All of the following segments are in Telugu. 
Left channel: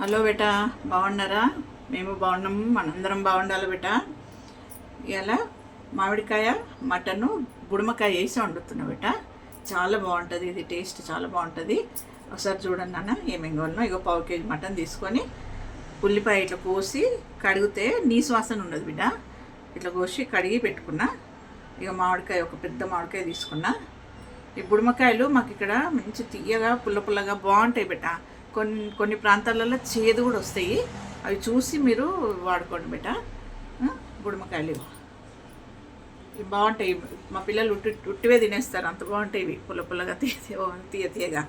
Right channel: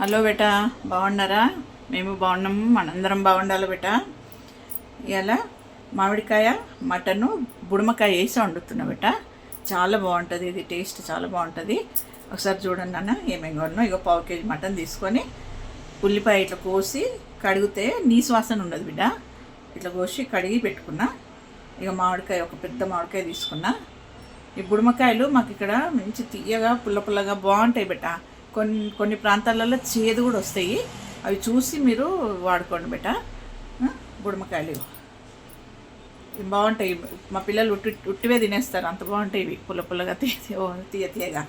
హలో బేటా, బాగున్నారా? మేము బాగున్నాము, మనందరం బాగుండాలి బేటా. ఇలా మామిడికాయ మటను బుడమకాయ వేసి వండుతున్నా బేటా. చాలా బాగుంటుంది ఇది, టేస్ట్ చాలా బాగుంటుంది. ఒకసారి చూడండి అన్న ఏమేమి కొన్నాం. ఇక పావు కేజీ మటన్ తీసుకొని ఉల్లిపాయ ఇట్లా కోసి కడిగితే నీసు వాసన ఉండదు బిడ్డ. ఇట్లా కోసి కడిగి పెట్టుకున్నా. ఇక మామిడికాయ ఒక పెద్ద మామిడికాయ తీసుకున్నా. ఈ బుడమకాయలు మాకు ఇక్కడ మంచి తీయగా పుల్ల పుల్లగా బాగుంటాయి బేటా. కొన్ని ప్రాంతాలలో చేదు కూడా వస్తాయి. అవి చూసి మీరు వాడుకోండి బేటా. బుడమకాయలు బాగుంటాయి. మా పిల్లలు ఉట్టివే తినేస్తారు, అంత బాగుంటాయి ఇవి, పుల్ల పుల్లగా తీయగా.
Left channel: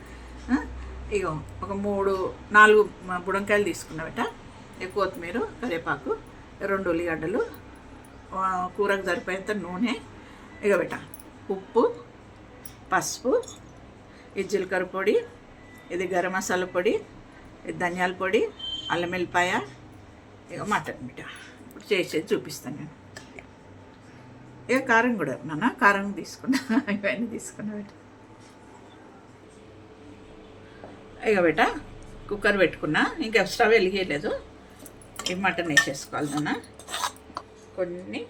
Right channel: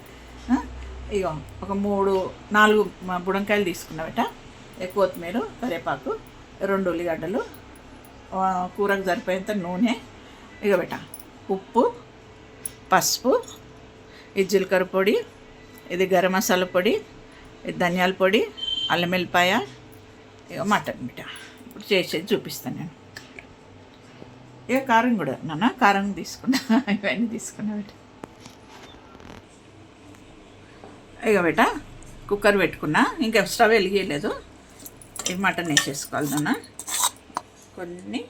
ఇక ఒక 3-4 బుడంకాయలు తీసుకున్నా బేటా. కొత్తిమీర, కరివేపాకు, 2 ఉల్లిగడ్డలు, కూరకు సరిపోయేంత నూనె. ఇక బేటా ఉప్పు, పసుపు, ఇది జీలకర్ర పొడి, ఇది గరం మసాలా పొడి, ఇది ధనియాల పొడి, అల్లం వెల్లిపాయ, ఇక మటన్ బిడ్డ. ఇప్పుడు చేసేది చూపిస్తాను నేను. ఇక కారం కూడా కారం తీసుకున్నా, ఇవన్నీ తీసుకున్నా బిడ్డ. ఇక బిడ్డ కుక్కర్ పెట్టుకున్నా, ఇంకా స్టవ్ వెలిగేయలేదు. ఇక మటన్ వేసేసుకోవాలి నాన్న. కొన్ని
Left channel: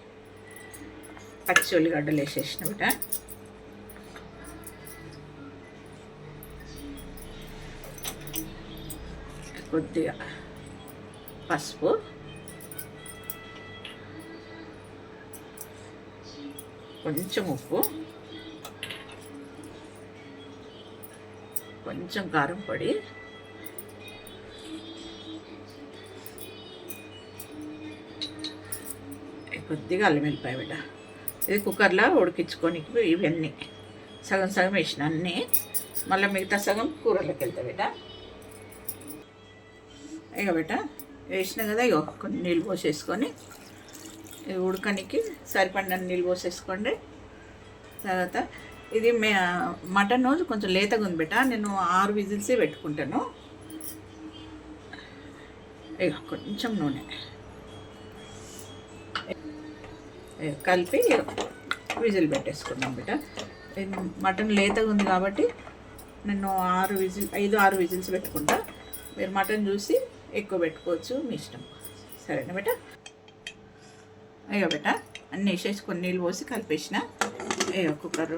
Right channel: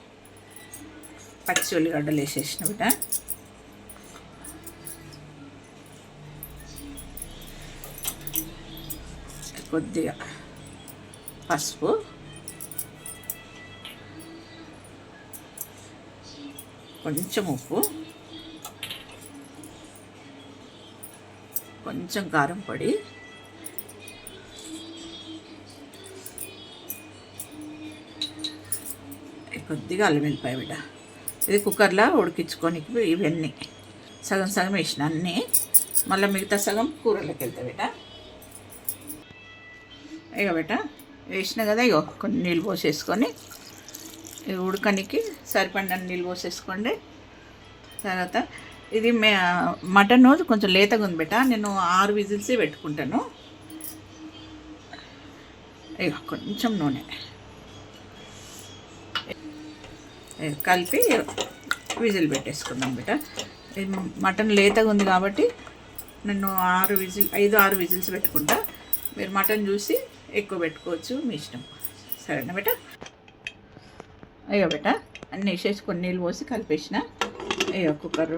పచ్చి ఉల్లిగడ్డలు వేసేసిన బిడ్డ. కొద్దిగా పసుపు, కొంచెం ఉప్పు, కొంచెం కారం పొడి, కొద్దిగా అల్లం వెల్లిపాయ బిడ్డ. ఇది కుక్కర్లో ఉడికించుకొని ఇవన్నీ సగం సగం వేసిన అన్నీ, మళ్ళీ మిగతా సగం కూరలోకి వెళ్తాయి బిడ్డ. ఇక బేట వేసిన కదా, ఇగో కొన్ని నీళ్ళు పోసేసుకొని ఉడకనికి సరిపడిన నీళ్ళు పోసేసుకోండి. తర్వాత ఇది మటన్ కొంచెం లేతగా ఉంది బేట, నేను 6 విజిల్సే పెట్టుకుంటాను. ఇక కొంచెం నూనె కలిపి విజిల్ పెట్టేసుకున్నాను బేట. మటన్ లేతగా ఉంది కాబట్టి నేను 5-6 విజిల్స్ పెట్టుకుంటా. మీరు మటన్ చూసి ఎక్కువ పెట్టుకోవచ్చు, మీ ఇష్టం. సరేనా బేట? అయ్యో బేట అన్నీ వేసేసి కొన్ని నీళ్ళు పోసి కలిపేసిన. అయ్యో కుక్కర్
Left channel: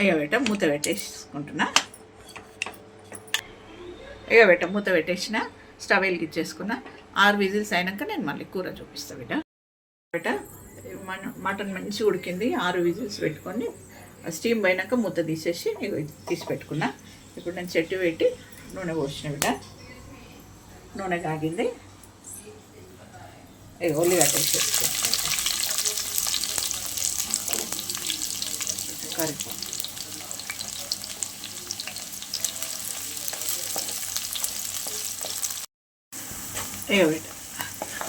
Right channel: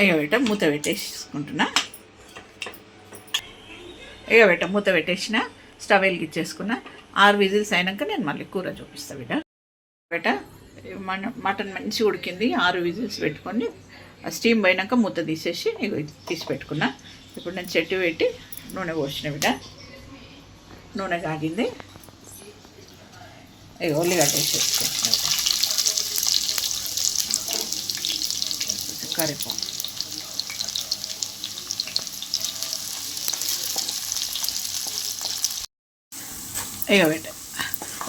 అయ్యో బేట మూత పెట్టేసుకుంటున్నా. అయ్యో బేట మూత పెట్టేసిన, స్టవ్ వెలిగించేసుకున్నా. 6 విజిల్స్ అయినాక నేను మళ్ళీ కూర చూపిస్తాను బేట. బేట మటన్ మంచిగా ఉడికింది. 6 విజిల్స్ పెట్టుకొని స్టీమ్ పోయినాక మూత తీసేసి తీసి పెట్టుకున్నా. ఇప్పుడు నేను చెట్టు పెట్టి నూనె పోసిన బిడ్డ. నూనె కాగింది. ఉల్లిగడ్డ వేసేసుకుంటున్నా. కరివేపాకు, బిడ్డ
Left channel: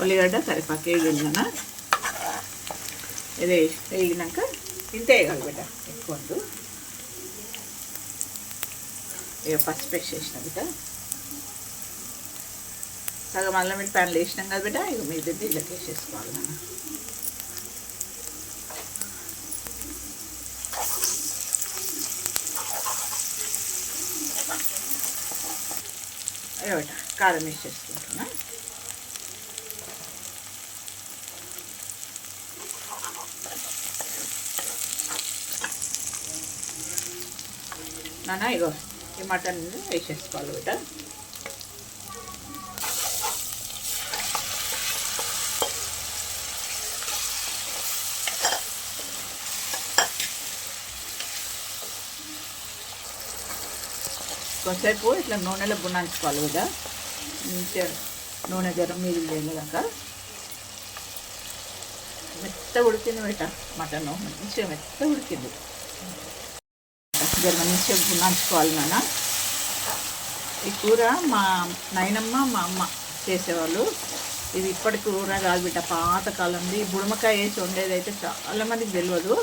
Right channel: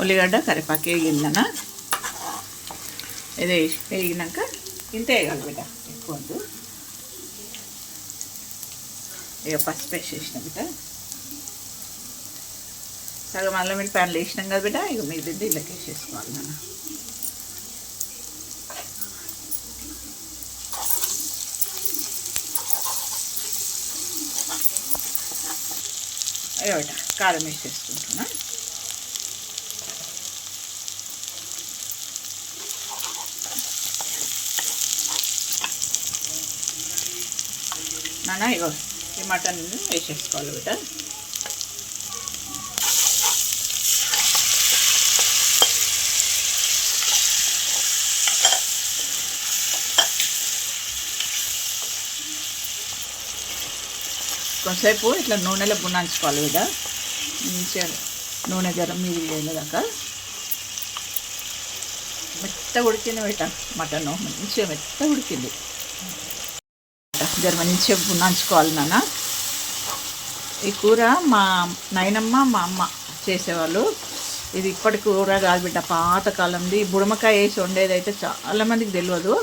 ఉల్లిగడ్డ కరివేపాకు వేగిందన్న. ఇది వేగినాక ఇంత వేయాలి బిడ్డ, ఎక్కువ వద్దు. ఇక పసుపు వేసేసిన బిడ్డ. సగం అల్లం వెల్లిపాయలు వేసినాం కదా బిడ్డ. ఇక మీద ఇళ్ళకి వేసేసుకోవాలి మనం. ఇక బిడ్డ కారం వేసేసుకుంటున్నా. నాన్న ఇగో ఈ మటన్ వేసేసుకోవాలి బిడ్డ. కొంతసేపు ఇట్లా నూనెలో గుణాంచుకోవాలి బిడ్డ. మంచిగా నూనె గరం మిగిలిన దాకా మెత్త ఉడికింది బిడ్డ. మటన్ మంచిగా మెత్త ఉడికింది. మంచిగా నంచుకోవాలి నాన్న. ఈ కూర మా నాయనమ్మ మా అమ్మ చేసేవాళ్ళు. ఇది ఇప్పటి కూర కాదు బిడ్డ, పాతకాలంది. బుడమకాయ వేసి వండేది అయితే చాలామందికి తెలియదు.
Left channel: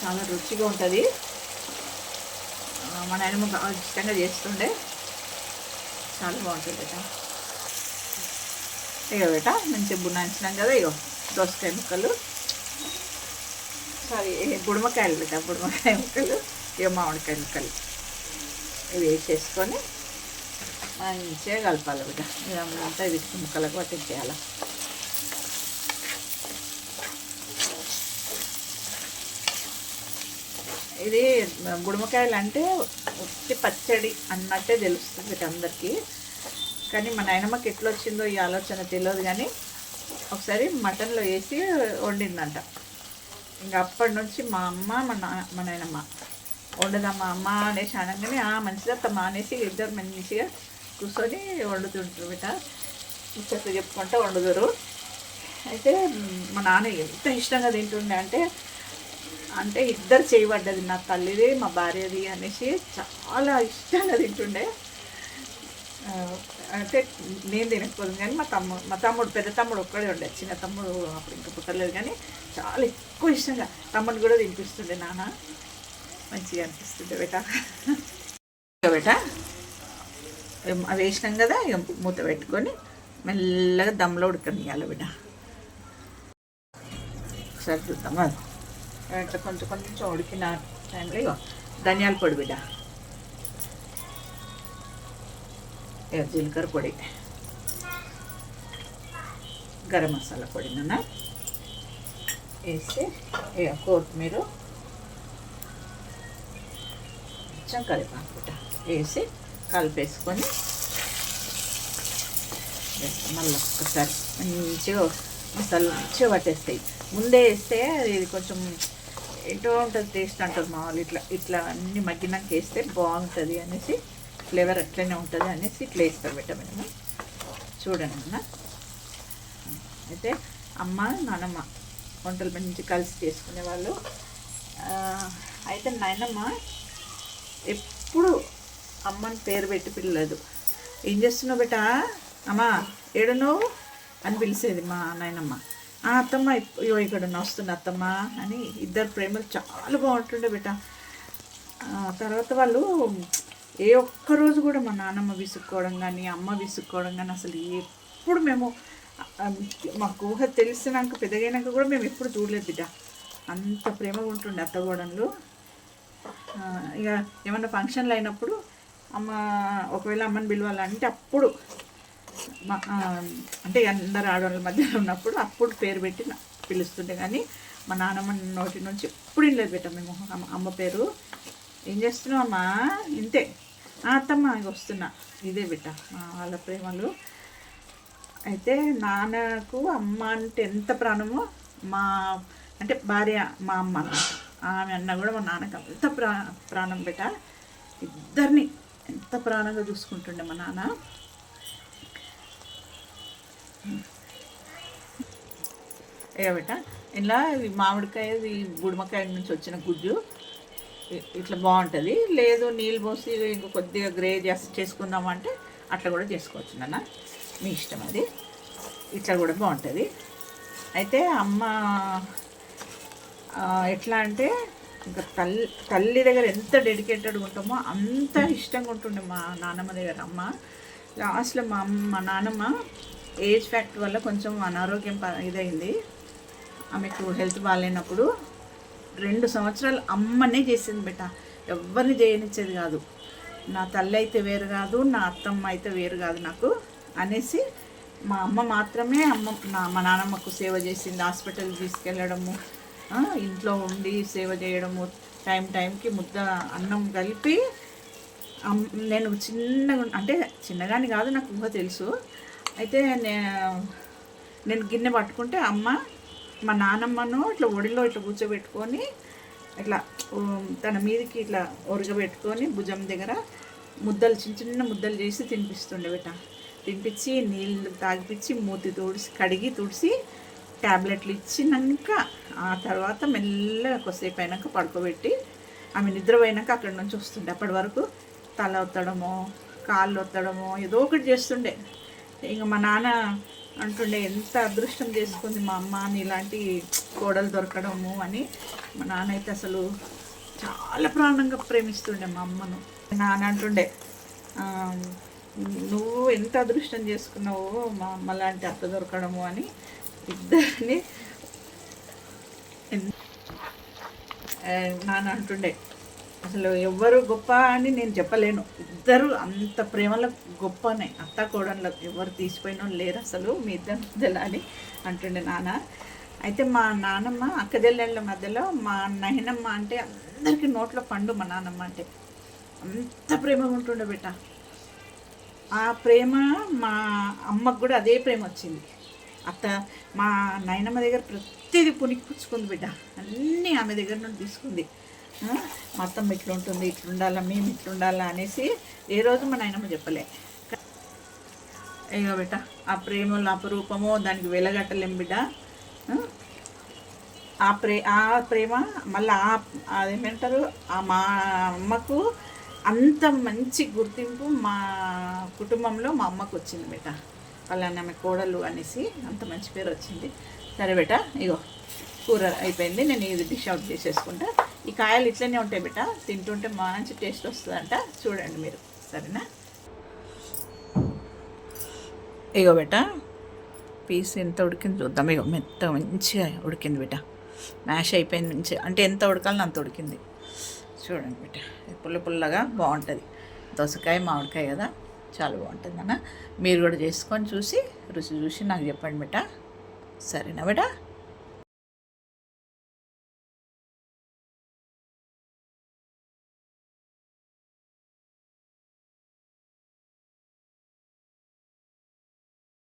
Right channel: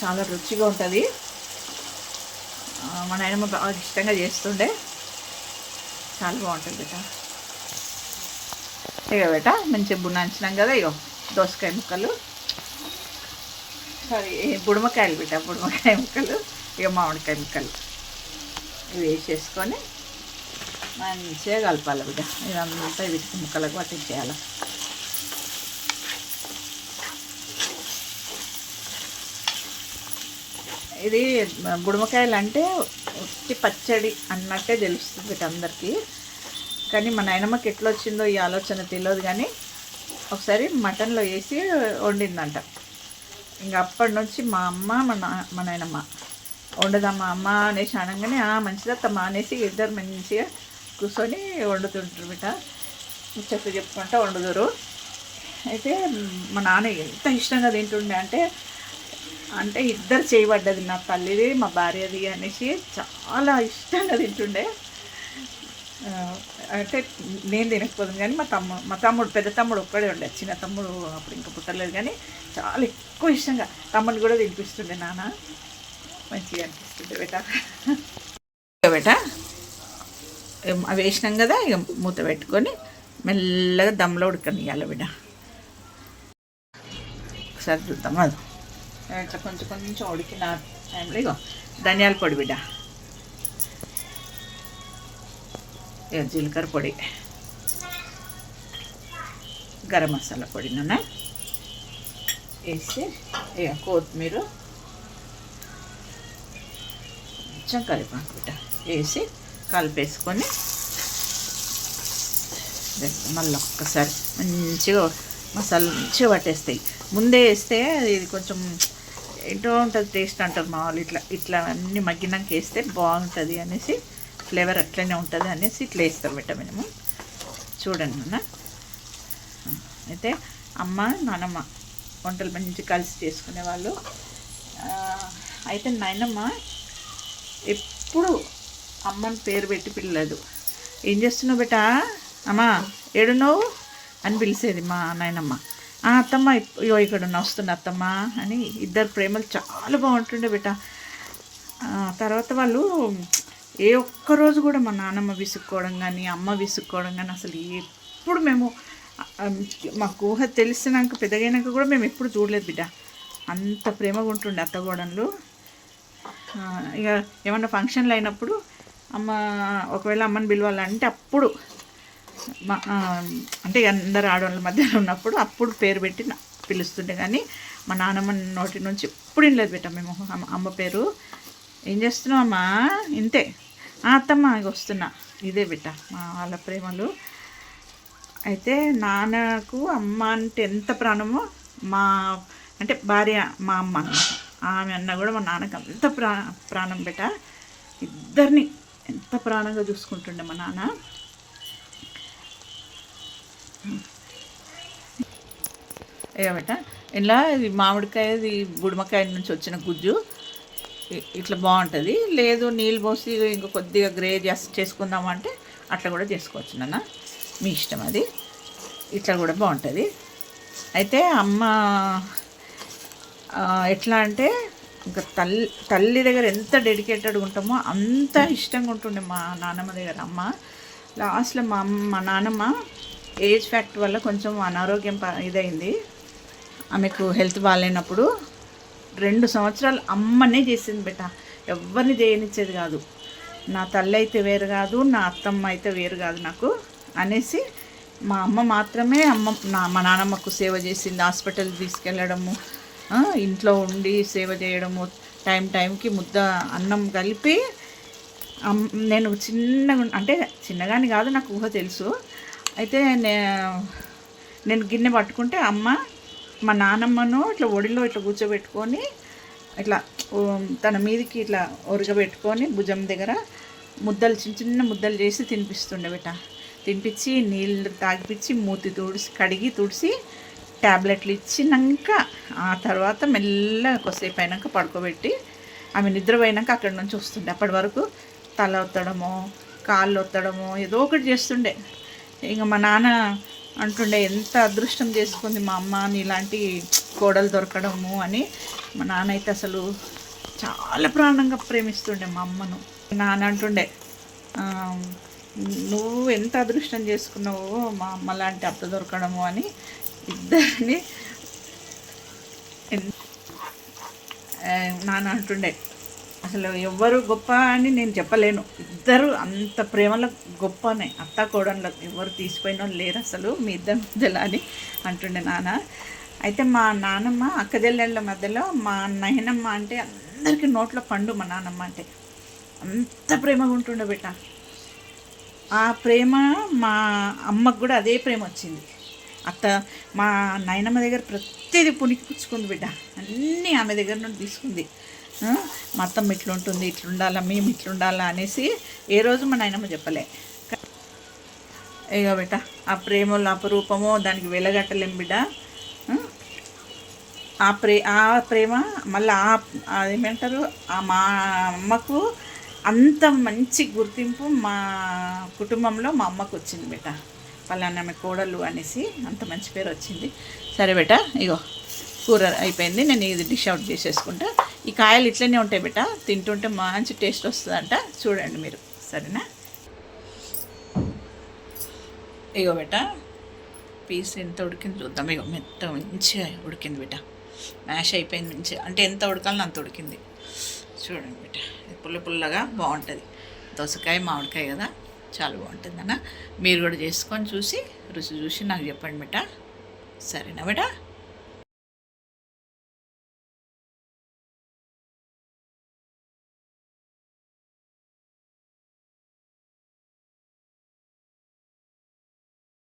చాలా రుచిగా ఉంటుంది. మా నాయనమ్మ బాగా ఇష్టంగా చేస్తుండే, చాలా బాగుంటుంది బిడ్డ. ఇక బిడ్డ మంచిగా బున్నాంచినాం కదా. ఇగో దోసకాయ ముక్కలు, సారీ బుడమకాయలు బిడ్డ, బుడమకాయ ముక్కలు, ఇక మామిడికాయ ముక్కలు. ఇవి వేసేసుకొని మంచిగా కలపాలి బిడ్డ. ఇదంతా వీటికి ముక్కలకు పట్టించేయాలి. ఇది బుడమకాయలు అంటే ఉత్తి పచ్చడి అన్నట్టే తెలుస్తుంది వీటందరికీ. కానీ మా నాయనమ్మకి ఎట్లా వచ్చిందో ఈ ఆలోచన తెలియదు. కానీ ఒకసారి మటన్లో వేసి వండిందంట. ఇంకా అప్పటి నుంచి మా అమ్మ మా నాయనమ్మ వండుదామా అమ్మ అనేసి అనగానే మంచిదత్తమ్మ అనేసి ఇద్దరు మంచిగా కూర్చొని వండుతుంటారు బిడ్డ. ముచ్చట్లు చెప్పుకుంటూ వండుదురు. అయితే మా నాన్న ఎంత ఇష్టంగా తింటుండే అంటే ఇద్దరు చేయబడ్డది, నా తల్లిది మా భార్యది అనేసి చాలా ఇష్టంగా తింటుండే. అంటే నేను తినకపోదు కానీ మా తమ్ముడు పెద్ద తమ్ముడు ఒక్కడే ఉండే, చిన్న తమ్ముడు అప్పుడు ఇంకా పుట్టలేదు. కానీ చాలా ఎక్కువ ఇష్టంగా తమ్ముడు కూడా తినిపిస్తుండే నాన్న. మంచిగా అనిపిస్తుండే బేట. అవి వేసినాం కదా, ఇక మూత పెట్టుకొని మెల్లగా దమ్లో ఉడకనియాలి బిడ్డ. ఒకసారి చూద్దాం. అది ఇట్లా కొంచెం కొంచెం ఉడికిన టైంలో ఇక ధనియాల పొడి బిడ్డ, జీలకర్ర పొడి, గరం మసాలా పొడి నన్న వేసి ఇక కొత్తిమీర కొంచెం కరివేపాకు బిడ్డ వేసి కలిపేసుకొని మళ్ళీ ఒక్కసారి మంచిగా మసాలా మంచిగా పట్టేస్తాయి. ముందే వేస్తే ఇది కొంచెం ఏంటో ఉంటుంది టేస్ట్ అంటారు మా వాళ్ళు. ఇట్లా అన్నీ మగ్గినాక వేస్తే బాగుంటుంది అనేసి, ఫ్లేవర్ అట్లనే ఉంటుంది అనేసి ఇట్లా వేస్తారు బిడ్డ. మేము చూడండి అన్న. అయితే అమ్మ నాన్నమ్మ వంటలు మంచి కలిసి చేసుకునేవాళ్ళు. అయితే నాయనమ్మ ఎప్పుడు అమ్మని పేరు పెట్టి పిల్లలేదు. ఏం చేస్తున్నావు బిడ్డ, అమ్మా ఏడున్నావు అని పిలిచేది మా నాయనమ్మ. అత్తమ్మ ఇక్కడ వస్తున్నా అత్తమ్మ అని. ఇద్దరు ప్రేమలు చాలా బాగుంటుండే బిడ్డ. తర్వాత వాళ్ళు ఏ ఒక్కరోజు కూడా మా నాన్నమ్మ విసుక్కోవడం కానీ అమ్మ విసుక్కోవడం కానీ అసలు ఎప్పుడు మేము మాకు ఊహ తెలిసినాక పెద్దగైనాక కూడా మేము ఎప్పుడు చూడలేదు బిడ్డ. అంత ప్రేమగా ఉంటుండే అత్తగోడలు. ఇక ఏమన్నా ఫంక్షన్లు అయినప్పుడు అమ్మ ఒకవేళ అమ్మని పిలవాలంటే అప్పుడు అంటే అందరు ఆడవాళ్ళ మధ్యలో ఉన్నప్పుడు అప్పుడు పేరు పెట్టి పిలుస్తుండే. కానీ మా నాన్నమ్మ నోటి నుంచి ఎప్పుడు లేదు బిడ్డ మేము అమ్మ పేరు. ఏం చేస్తున్నావు అమ్మా, ఇంతే అత్తమ్మ వస్తున్నా, ఇదే బిడ్డ మా వాళ్ళ ప్రేమలు. అయితే నాన్నకు అమ్మ అంటే ఎంత ప్రాణమో అంటే భార్య మా అమ్మ ఆమె అన్న కూడా మా నాన్నకు అంత ప్రాణం బిడ్డ. ఇద్దరిని ఎంత ప్రాణంగా చూసుకుంటుండే మా నాన్న. ఏబట్ట ఇలా మామిడికాయది బుడమకాయ నుంచి వచ్చిన గుజ్జు ఇట్లా బాగుంటుంది. లేదు నీళ్ళు పోసి ఇంకా కొద్దిగా గ్రేవీ చేసుకుందామంటే అట్లా కూడా చేసుకోవచ్చు నాన్న, మీ ఇష్టం అది. ఇట్లా కూడా బాగుంటుంది. అయితే అమ్మ ఎట్లా అంటే ఇంకా తల్లి దగ్గర ఎంత డెడికేటెడ్గా ఉంటామో అంత ఇష్టంగా ఉంటుండే మా నాన్నమ్మ దగ్గర అమ్మ. లాస్ట్లో మా నాన్నమ్మ ఏజ్ ఫ్యాక్టర్ వల్ల కొంచెం అనారోగ్యం ఇదైంది. ఆమెకు హెల్త్ బాగాలేనప్పుడు 2 సంవత్సరాలు అమ్మనే చేసింది బిడ్డ. ఎవరిని చేయనిచ్చేది కాదు. నా తల్లి అయితే వేరు కాదు, నా అత్తమ్మ అయితే వేరు కాదు నాకు అనేసి మా అమ్మ మాత్రమే మా నాన్నమ్మకు సేవ చేసింది. హాస్పిటల్ తీసుకెళ్ళడము, ఇంట్లో ఉండి సేవ చేయడము, టైంకి ముద్ద అన్నం కలిపి. నేను చిన్నగాని కాదు, నాకు ఊహ తెలుసు. అయితే నేను గిన్నె పట్టుకుంటే అమ్మ మా నాన్నమ్మను ఇట్లా ఒడిలో ఇట్లా కూర్చోబెట్టుకొని ఇట్లా తన మీదకి ఇట్లా ఒరగబెట్టుకొని భుజం దగ్గర ముద్దలు చిన్న ముద్దలు చేసి తినిపిస్తుండే బిడ్డ. తినిపించి నీళ్ళు తాగిపించి మూతి కడిగి తుడిసి ట్యాబ్లెట్లు ఇచ్చినాక ఆ తర్వాత మెల్లగా కొద్దిసేపు అయినాక పడుకోబెట్టి ఆమె నిద్రపోయినాక అక్కడి నుంచి వస్తుండే. అప్పటి వరకు తల ఒత్తడమో కాళ్ళు ఒత్తడమో ఏదో ఒకటి చేస్తుండే. ఇంకా మా నాన్న అంటుండే ఎంత అదృష్టం చేసుకుంది మా అమ్మ అని ఇలాంటి కోడలు దొరకడము అని. మా నాన్న అయితే అసలు చాలా ప్రాణంగా ప్రేమిస్తుండే మా అమ్మను. నాన్న అంటుండే నువ్వు ఎంత అదృష్టం చేసుకున్నావో మా అమ్మ లాంటి అత్త దొరకడము అని. ఇద్దరిని నాన్న అంటుండే అసలు ఎవ్వరు గొప్ప అని నేను చెప్పలేను. ఇద్దరు అంత ప్రేమలో గొప్పనే, అత్త కోడళ్ళ ఎవరు తీసిపోయిన వాళ్ళు లేరు అసలు మీ ఇద్దరి మధ్యలో అని అంటుండే నాన్న. అయితే మా నాన్నమ్మ అక్కజెల్లెళ్ళ మధ్యలో మా నాయనమ్మ అంటే అందరికీ నోట్లో పండు. మా నాన్నమ్మ అంటే అంత ప్రేమగా ఉంటుండే బిడ్డ. ఆ ప్రేమ మా అమ్మకు కూడా అదే ప్రేమ వచ్చింది. అత్త మా నాయనమ్మ దగ్గర ప్రతిదీ పుణికిపుచ్చుకుంది బిడ్డ, అన్నీ ఆమె దగ్గర నుండి తీసుకుంది. మా అత్తమ్మ ఇట్లుంటుంది, ఇట్లుండాలా, మేము ఇట్లుండాలా అనేసి ఏ రోజు మా నాయనమ్మ చెప్పలే. ఇక బిడ్డ ఆ ప్రేమలో అపరూపమో దానికి వెలగట్టలేం బిడ్డ. ఆ ప్రేమ మళ్ళీ అదేమంటారు, మా అమ్మకు అంత మంచి గుర్తింపు మా కుటుంబంలో మా అమ్మకు వచ్చింది బిడ్డ. పలానా ఆమె కోడలు అనేసి అంత మంచి పేరు వచ్చింది. సరే బిడ్డ, ఇగో కూర అయిపోయింది, నేను ఇది డిష్ అవుట్ చేసేసుకుంటా. ఈ కాయలు ఇట్లనే ఉంటాయి బిడ్డ, తింటుంటే మంచి టేస్ట్ వస్తుందంట, చూడండి మీరు. సరేనా? ఇగో బిడ్డ పీస్ ఎంత ఉడికింది చూద్దాం. ఇగో మెత్త మంచిగా ఉడికింది బిడ్డ, మ్యాష్ అయిపోయింది మంచిగా, అంటే ఎంత ఉడకాలని అంత ఉడికింది. చూడండి బిడ్డ, పుల్ల పుల్లగా బాగుంటుంది. దోసకాయ మామిడికాయ కదా, చాలా బాగుంటుంది అన్న. మీరు కూడా చేసుకొని చూసి రుచి చూసి నాకు చెప్పండి బిడ్డ. సరేనా బిడ్డ?